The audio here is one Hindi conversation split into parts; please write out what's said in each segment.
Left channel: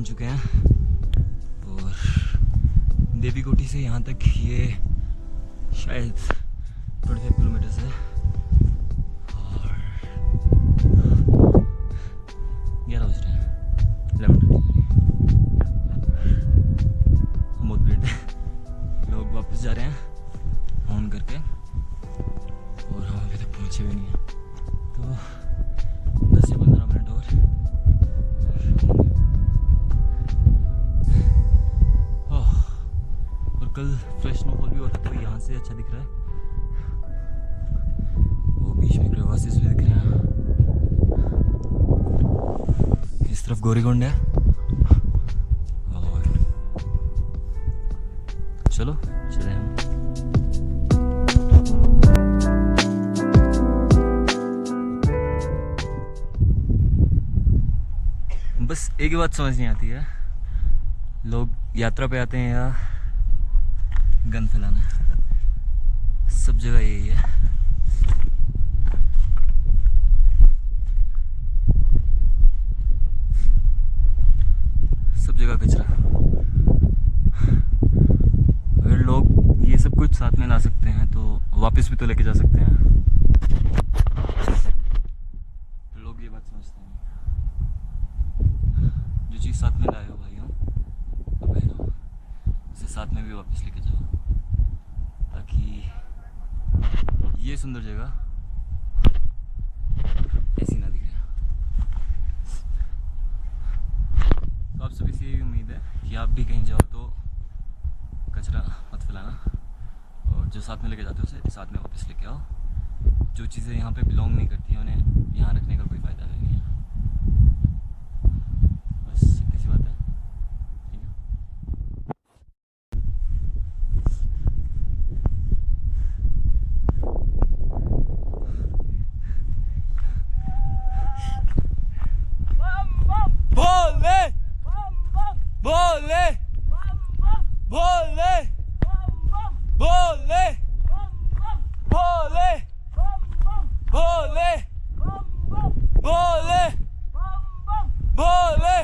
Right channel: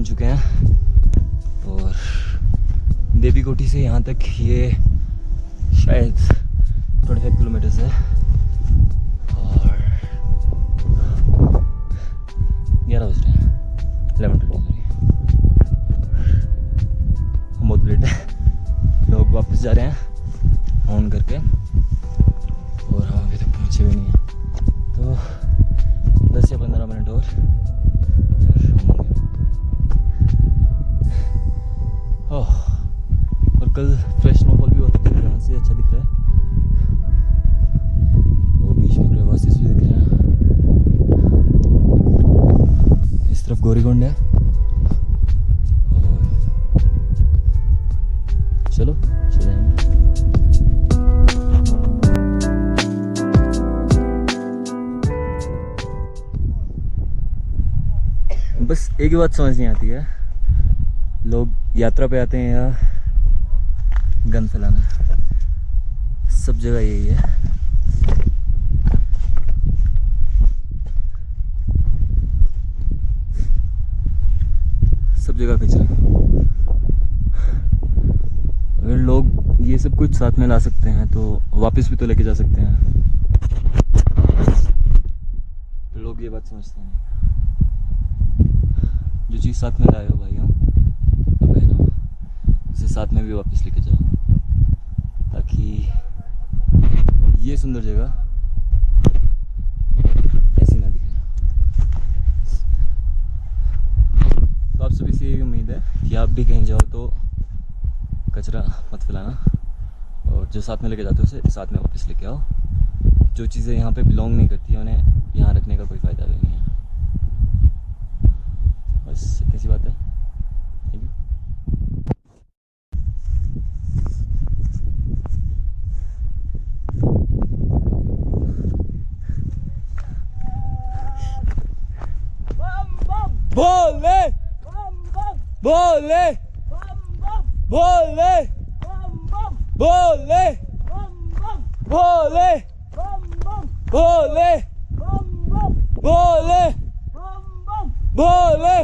पहुंच चुके हैं और देवी कोठी से यहाँ तक ये शायद 25 किलोमीटर्स है और 11 बज रहे हैं, 11:30 सॉरी। हम बहुत लेट है, लोग वापस जा रहे हैं ऑन करके और हम अभी तक पहुँचे भी नहीं हैं, तो 10 या 15 मिनट और और कल फ्रेश स्नोफॉल भी होता है तो यहाँ से अच्छा दिख रहा है। वो बीच में क्रेवासेस भी दिख रहे हैं। इस तरफ गौरी कुंड है और चलो चले हम। बस एक ही बात समझ नहीं आती है, लोग यात्रा पे आते हैं या गन फैलाना, सब जगह यही है। सब जगह कचरा। अगर लोग ये सब कुछ साथ में ला सकते हैं तो वापस भी तो लेके जा सकते हैं। लोग ये बात समझते नहीं। जो चीज़ साथ में लाए हो भाइयों और बहनों, उसे साथ में भी वापस लेके जाओ, ताकि ये सुंदर जगह ऐसी ना दिखे। तो आप सभी से यही उम्मीद है कि आप भी कहीं जाओ तो कचरा मत फैलाना और जो साथ में लेके जाते हो उसे साथ में वापस लेके आओ। जो चीज़ें यहाँ पे बिलोंग नहीं करती हैं उन्हें यहाँ रखने का कोई फ़ायदा भी नहीं है। बस इतनी सी बात है। Thank you. बोले बोले बोले बोले बोले बोले बोले बोले।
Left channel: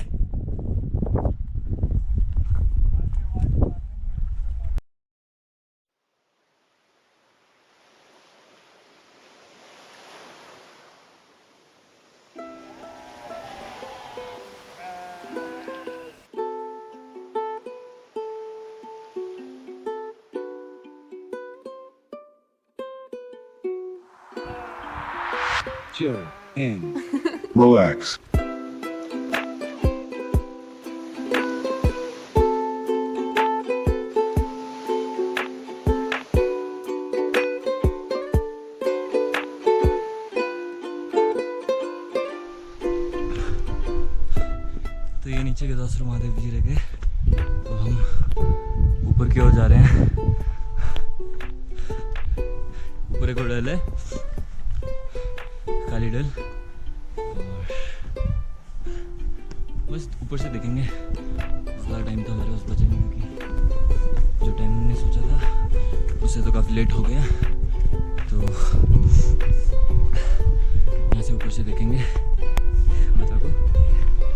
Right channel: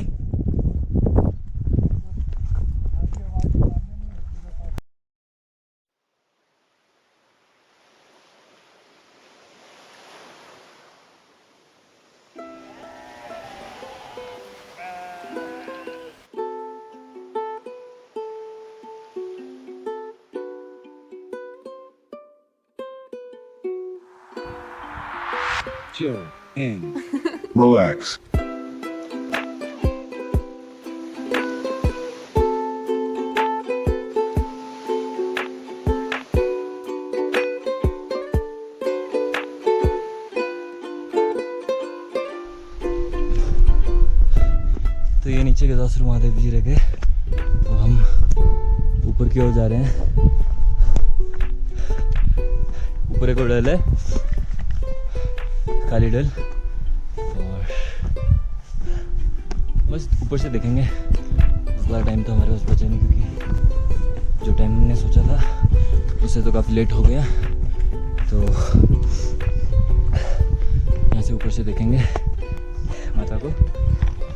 Chill and relax. तो ये नीचे गदासरू महादेव जी रह गए, तो हम ऊपर की ओर जा रहे हैं। ऊपर एक और डल है, काली डल, और बस ऊपर से देखेंगे। ज़्यादा टाइम तो हमारे पास बचा नहीं, क्योंकि जो टाइम हमने सोचा था उससे तो काफ़ी लेट हो गया। तो यहाँ से ऊपर से देखेंगे माता को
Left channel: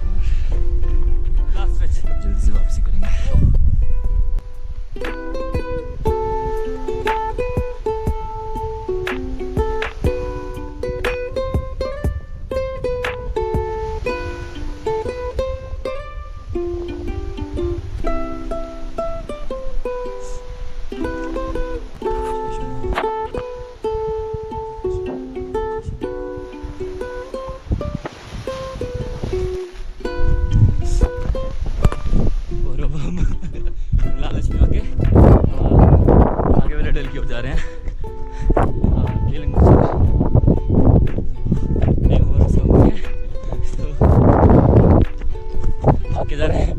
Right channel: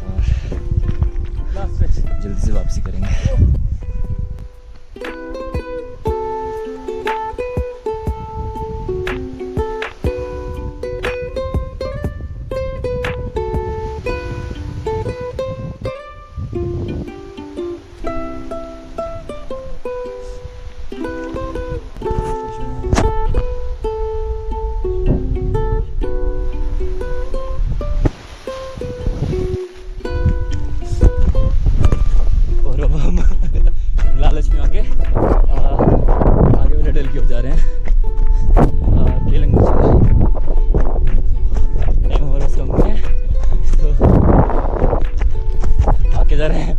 और जल्दी से वापसी करेंगे। लालच में आके आगे वाले डल की ओर जा रहे हैं, केलंग बजेर। टाइम हमारे पास कम नहीं है तो आगे जा रहे हैं।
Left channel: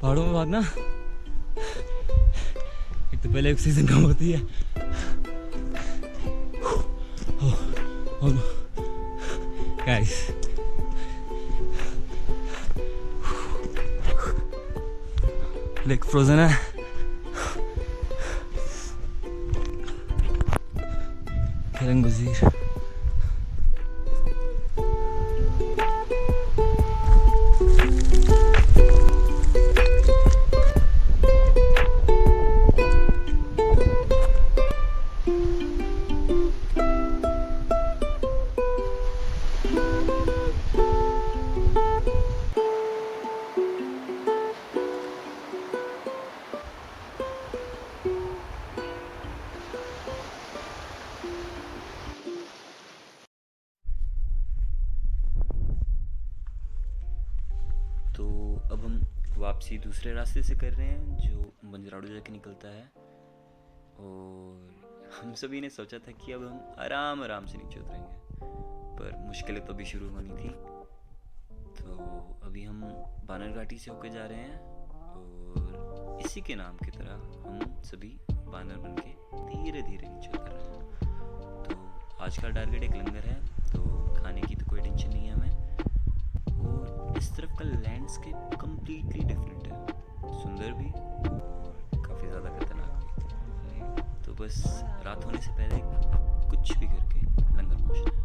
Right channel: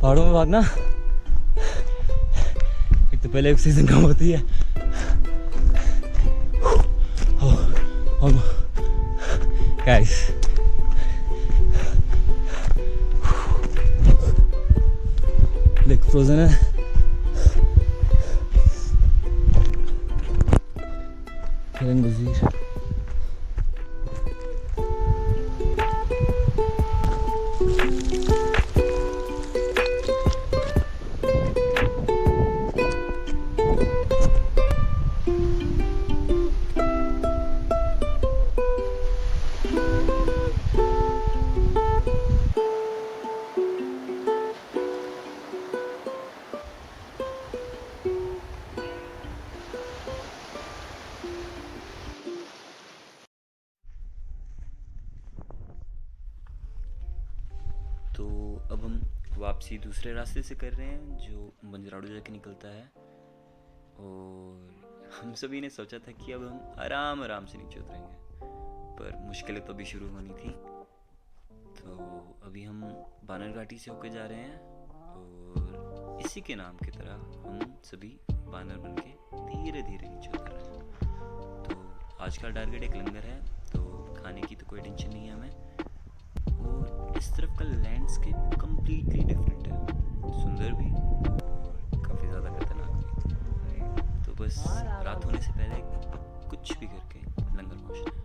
पहाड़ों में भागना तो पहले ऑक्सीजन कम होती है। गाइस लेक फ्रोजन है। कैलंग बजीर। तो अब हम वापसी दूसरे रास्ते से कर रहे हैं जो बंजराड़ू जाके निकलता है। और हम सभी ने सोचा था कि अब हम आराम आराम से नीचे उतरेंगे, पर मुश्किलें तो अभी शुरू होनी थी। तो अभी हम बानर घाटी से होकर जा रहे हैं और इसी के नाम की तरह हम सभी बानर बन के धीरे धीरे नीचे उतर रहे हैं। तो आज का टारगेट एक लंगर है, तो खाने की तो कोई टेंशन नहीं है हमें। और इस तरफ का लैंडस्केप कम्प्लीटली डिफरेंट है, सुंदर भी और काफ़ी ज़्यादा खतरनाक भी। तो बस रात होने से पहले कुछ भी करके लंगर पहुंचना है।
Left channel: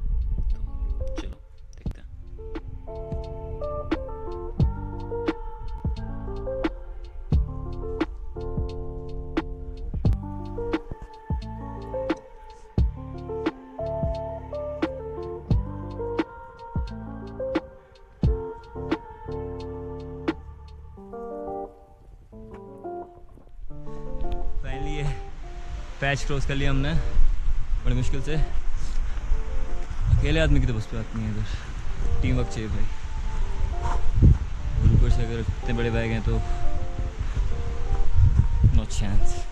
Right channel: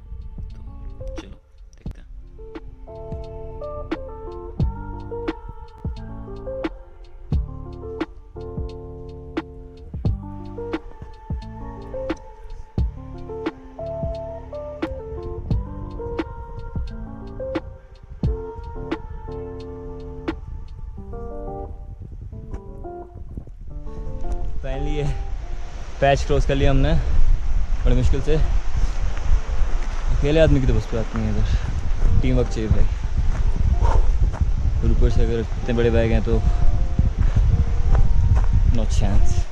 तो चलो देखते हैं। फाइनली ये पैच क्रॉस कर लिया हमने बड़ी मुश्किल से। अकेले आदमी की तो बस बात नहीं है, इधर टीम वर्क चाहिए भाई। और ऊपर से अगर इतने बड़े बैग हैं तो नो चांस।